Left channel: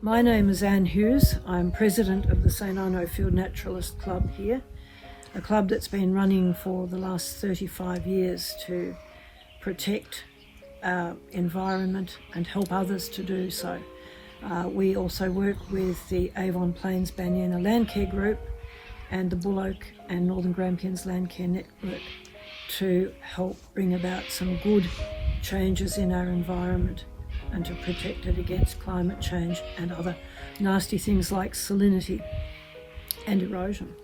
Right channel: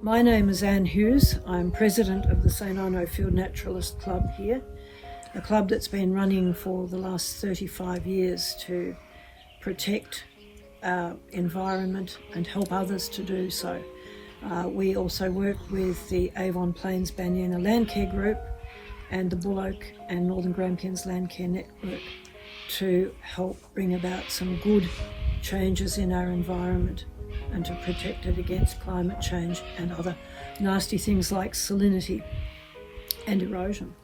My name is Anne Hughes. I'm president of the St Arno Field Naturalist Club here, a club that's been running for the last 35 years to protect our environment and help others to do so. We also work with the Avon Plains Banyina Landcare Group and the Bull Oak and Northern Grampians Landcare Network to help bring about some good changes in our environment and to protect it against climate change and other nasty things like salinity and erosion.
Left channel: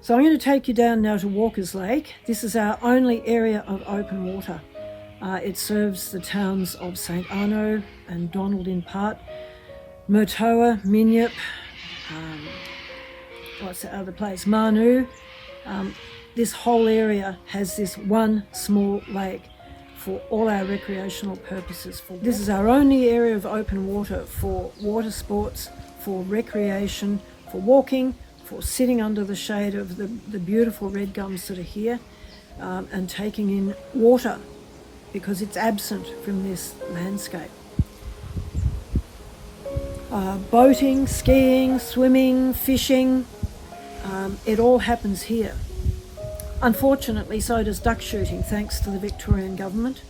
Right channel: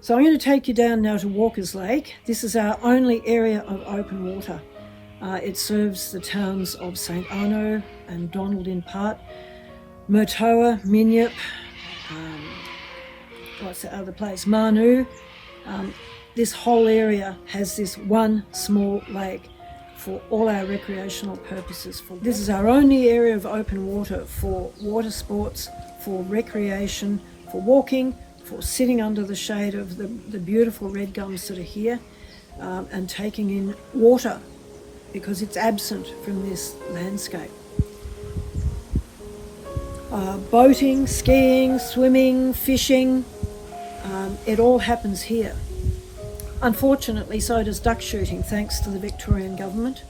So I'm going to take you down now to Walker's Lake. This is our only area of open water. It serves the towns of St Arno and Donald in part, Murtoa, Minyip, what's the other place, Manu. This whole area has this one small lake for all our recreational purposes. This is our only area of open water for water sports, for recreation, for walking, for sitting under the shade of the beautiful red gums that are here and taking in water because it's absent from this landscape. Boating, skiing, swimming, fishing, it all happens here. Unfortunately, so does duck shooting, thanks to the Victorian government,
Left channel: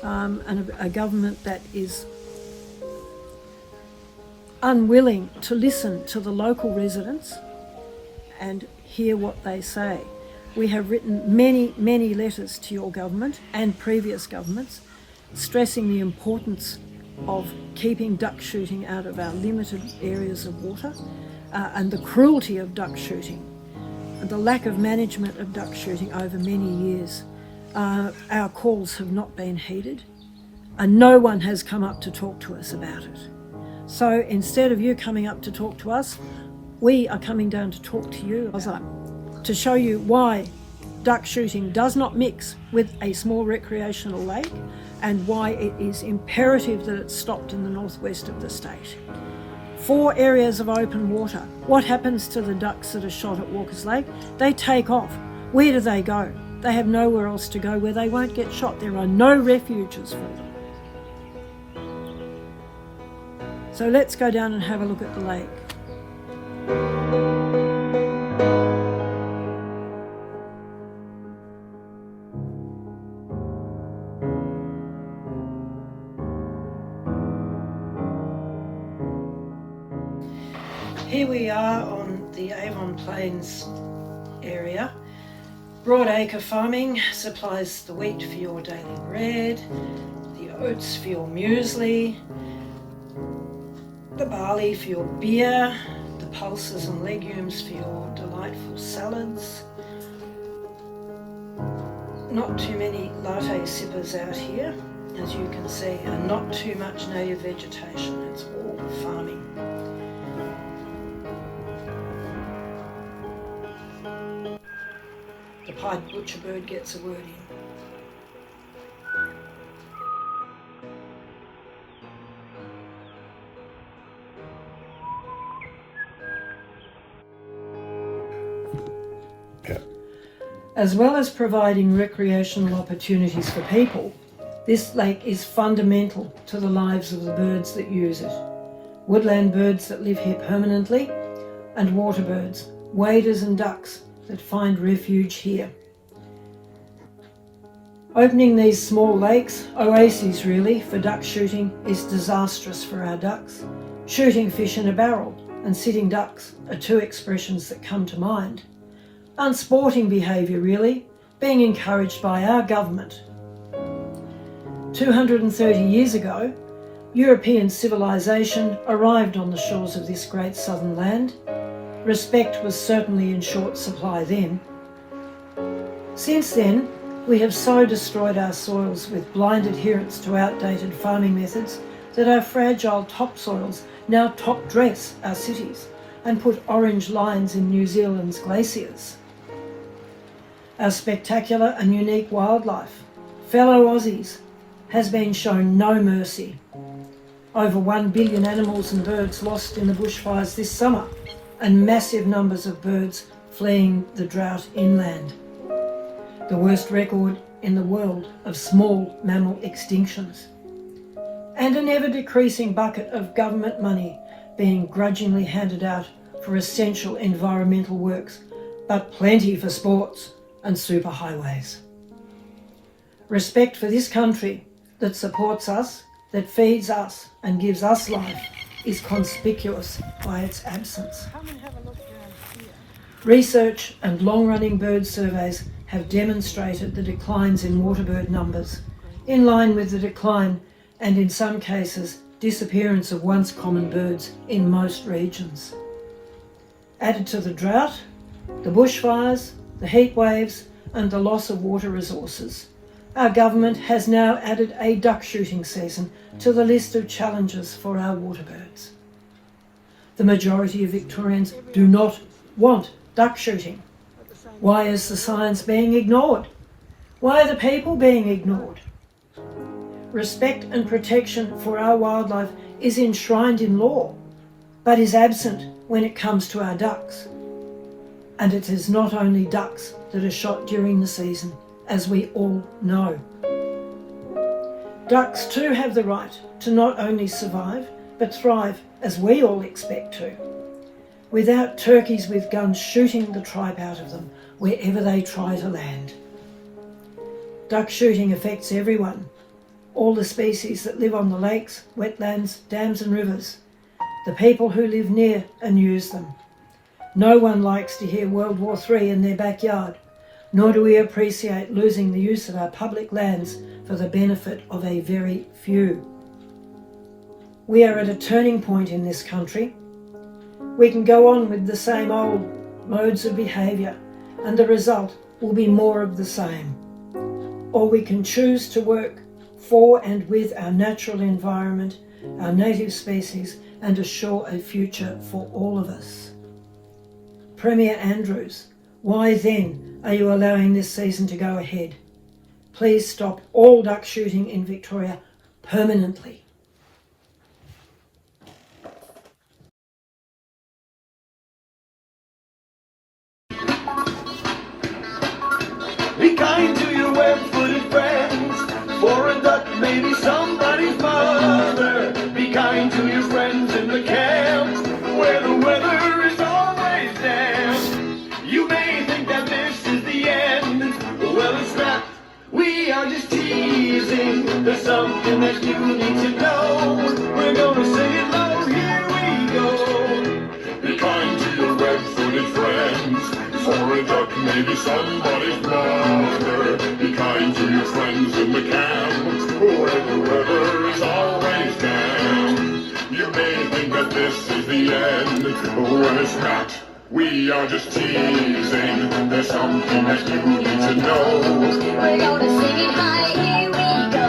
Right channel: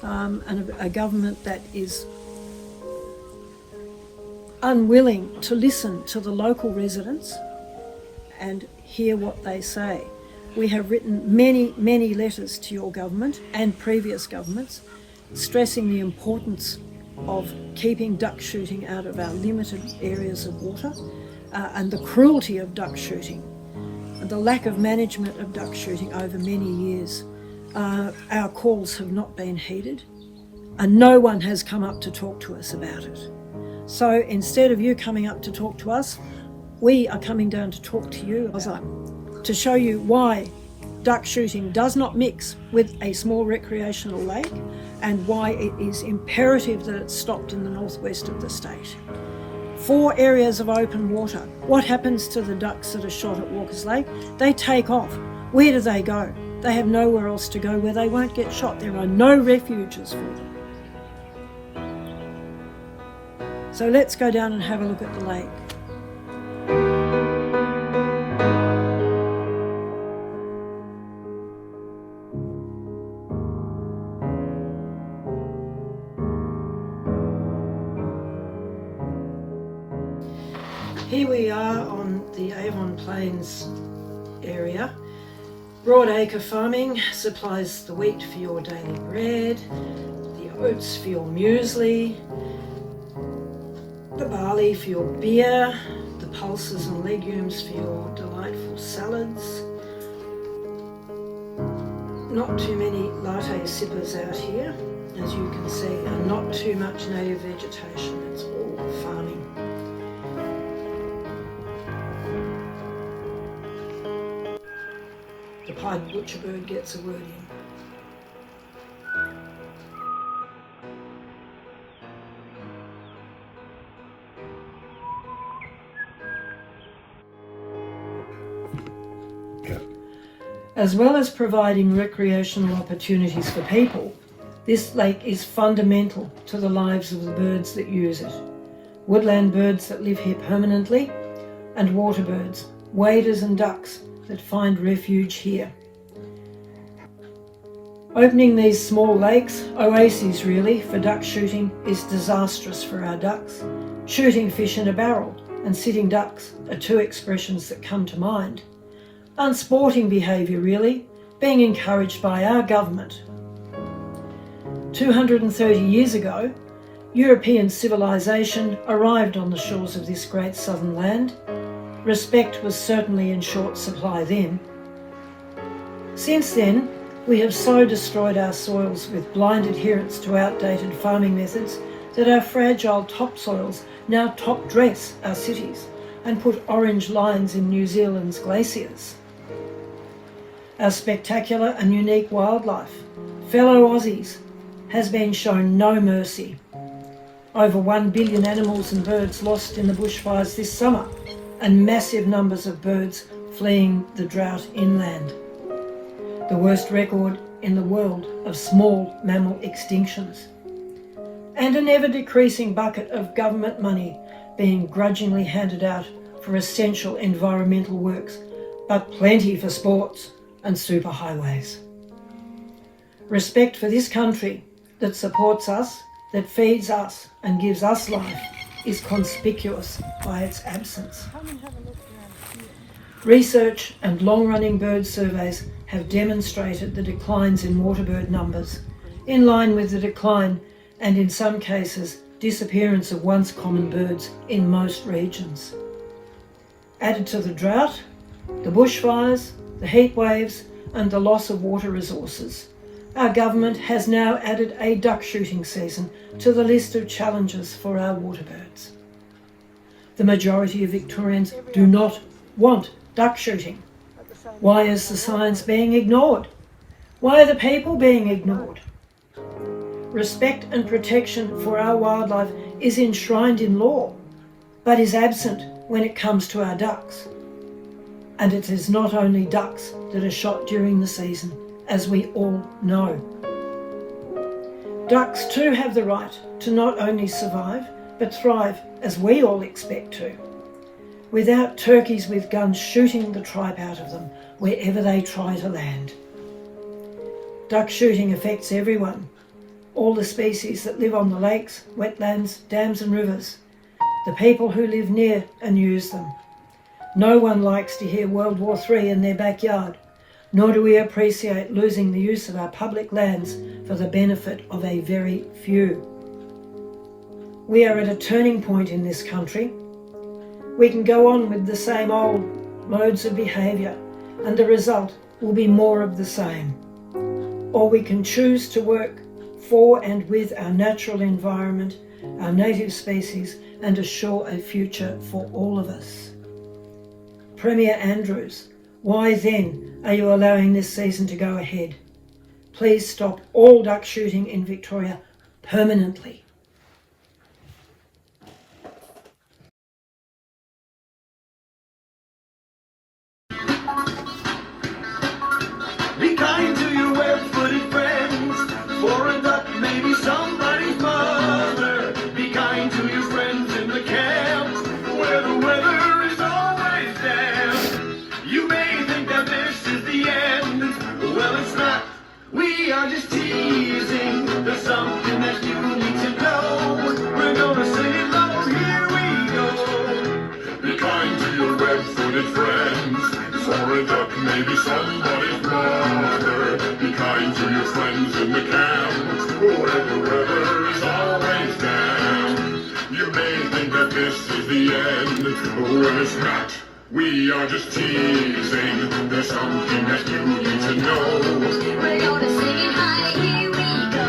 and a government that is unwilling to listen to the local residents and hear what they say. We have written many, many letters to your government and previous governments, stressing the importance of keeping duck shooting out of our limited areas of water and the cruelty of duck shooting and the lack of management of duck shooting over many years. Our calls have not been heeded and no one has come up to talk to us about it. So instead of you coming up to talk to us, we are coming down to talk to you, to show you why duck shooting does not mix with a small recreational lake and why it is imperative that it's stopped in the northwest of the state. 4 areas of open water. What happens to the ducks that are shot at Walker's Lake? They take off. Where do they go? They have nowhere else to go where they won't get shot. There are no refuges for them. So let's go down and have a look at the lake. Here we are on the Avon Plains area. Broadacre farming supplies the wheat for your daily bread, the oats for your muesli, the barley for your beer, the pulses and legumes for your delightful salads. Not too many latte sippers out here, as you can see, and not too much native vegetation. It's all farming. The pied butcher bird gets a word in. As well as providing recreational opportunities for people, this lake is fundamental to the lives of the birds that use it. Woodland birds that live here permanently and water birds, waders and ducks that find refuge here. Opening these small lakes, oases really, for duck shooting is disastrous for our ducks. Shooting fish in a barrel and sitting ducks are 2 expressions that come to mind. Unsporting behaviour really, being encouraged by our government. 230 years ago, European civilization arrived on the shores of this great southern land. Respect was certainly in short supply then. Since then, we have so destroyed our soils with blind adherence to outdated farming methods that our fragile topsoils now top dress our cities and put orange lines in New Zealand's glaciers. Our spectacular and unique wildlife, fellow Aussies, has been shown no mercy. Over 1 billion animals and birds lost in the bushfires this summer, and massive numbers of birds fleeing the drought inland. the worst record in the world of small mammal extinctions, and an ever-decreasing bucket of government money being grudgingly handed out for essential environmental works, but plenty for sports and superhighways. Respect for this country that supports us, that feeds us and gives us life is conspicuous by its absence. Research and long-running bird surveys have demonstrated the declines in waterbird numbers, in line with the decline and in some cases disappearance of once common birds in most regions. Added to the drought, the bushfires, the heat waves and the loss of water resources, our government has now added a duck shooting season to the list of challenges for our waterbirds. The majority of Victorians do not want duck shooting. Why is the science being ignored? Why are the people being ignored? Respect and protection for our wildlife is enshrined in law, but is absent when it comes to our ducks. And it is not only ducks that are shot during the season, as we all know. Ducks too have the right to not only survive, but thrive as we all expect to, without turkeys with guns shooting the tripe out of them wherever they try to land. Duck shooting affects everyone, all the species that live on the lakes, wetlands, dams and rivers, the people who live near and use them. No one likes to hear World War III in their backyard, nor do we appreciate losing the use of our public lands for the benefit of a very few. We are at a turning point in this country. We can go on with the same old modes of behaviour and the result will be more of the same. Or we can choose to work for and with our natural environment, our native species, and assure a future for all of us. Premier Andrews, why then are you allowing this season to go ahead? Please stop all duck shooting in Victoria permanently. Be kind to your web-footed friends, for a duck may be somebody's mother. Be kind to your friends in the camps, where the weather is always damp. You may think that this is the end, well it's not. We are just teasing, there's something that you need to know. We're gonna sing it low, here we go. Be kind to your web-footed friends, for a duck may be somebody's mother. Be kind to your friends in the camp, where the weather is always damp. You may think that this is the end, well it's not. We are just teasing, there's something that you need to know. We're gonna sing it high, here we go.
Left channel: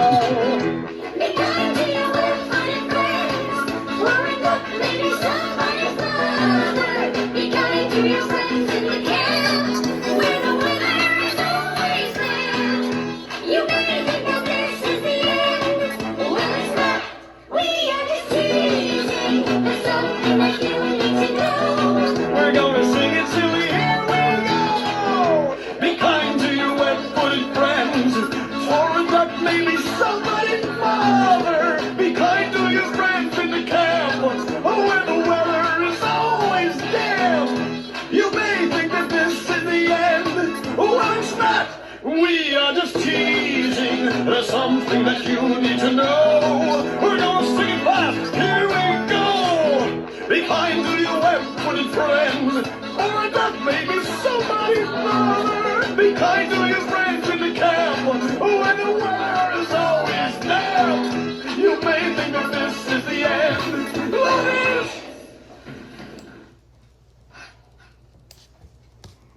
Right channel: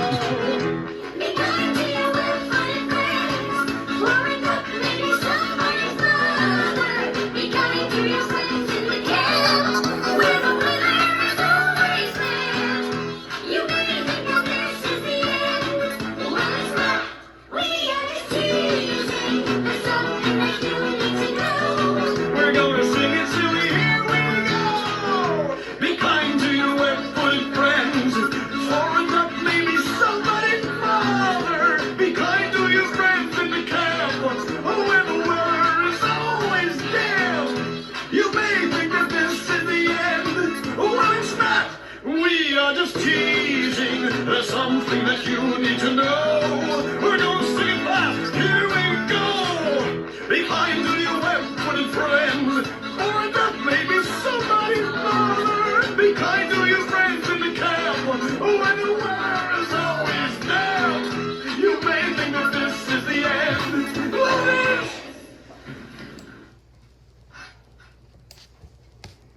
Be kind to your web-footed friends, for a duck may be somebody's mother. Be kind to your friends in the camp, where the weather is always damp. You may think that this is the end, well it's not. We are just teasing, there's something that you need to know. We're gonna sing it silly, here we go. Be kind to your web-footed friends, for a duck may be somebody's mother. Be kind to your friends in the camp, where the weather is always damp. You may think that this is the end, well it's not. We are just teasing, there's something that you need to know. We're gonna sing it fast, here we go. Be kind to your web-footed friends, or a duck may be somebody's mother. Be kind to your friends in the camp, where the weather is always damp. You may think that this is the end, but it is.